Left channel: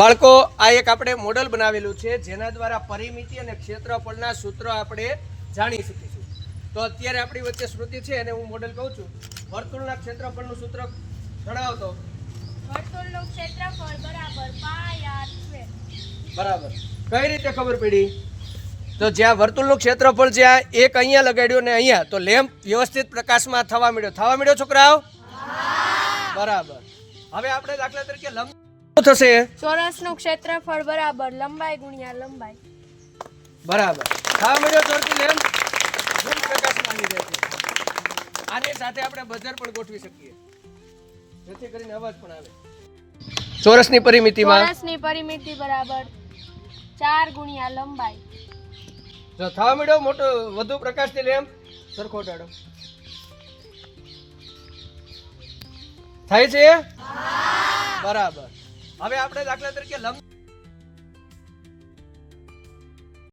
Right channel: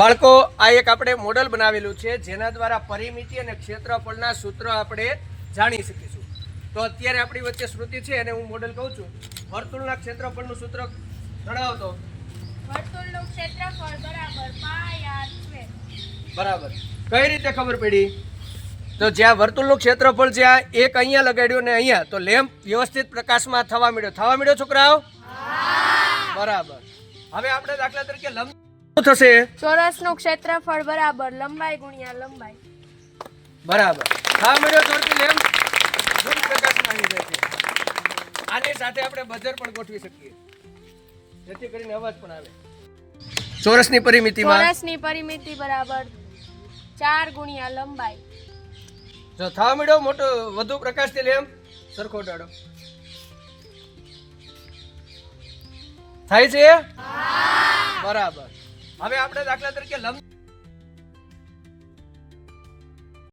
બાળકો આ એક આપણે મોડલ બનાવેલું છે જેના દ્વારા પરિમિતિ અને ક્ષેત્રફળના સૂત્રો આપણે જાણી શકીશું. તો અત્યારે આપણી વચ્ચે શ્રુતિ છે અને હું મોડલ કહું છું. વર્તુળના ક્ષેત્રફળનું સૂત્ર જણાવતો. વર્તુળનું ક્ષેત્રફળ બરાબર પાઈ આર સ્ક્વેર. બરાબર. કઈ રીતે ખબર પડી? તો જ્યાં વર્તુળનું ક્ષેત્રફળ જ્યાં એક અહીંયા લગાડ્યું ને અહીંયા, તો લેમ્પ વ્યવસ્થિત પ્રકાશમાં થવા મળ્યો છોકરાઓ. બરાબર. હવે આપણે દાખલા તરીકે લંબ શું થશે? ચોરસનું ક્ષેત્રફળ બરાબર લંબાઈ ગુણ્યા લંબાઈ. બરાબર. થવા મળ્યો ચોરસી લેમ્પ ધૂમ પ્રકાશમાં આવી જાય છે. આની સાથે આપણે બજર પણ ગોઠવી શકીએ જેથી કરીને અવાજ પણ આવે. ચોરસની પરિમિતિમાં ચોરસની પરિમિતિ બરાબર 4 ગુણ્યા લંબાઈ. જો થવા મળ્યો મોટો વધુ પ્રકાશથી લેમ્પ સરખો ડાળો થાય છે. બરાબર. હવે આપણે દાખલા તરીકે લંબ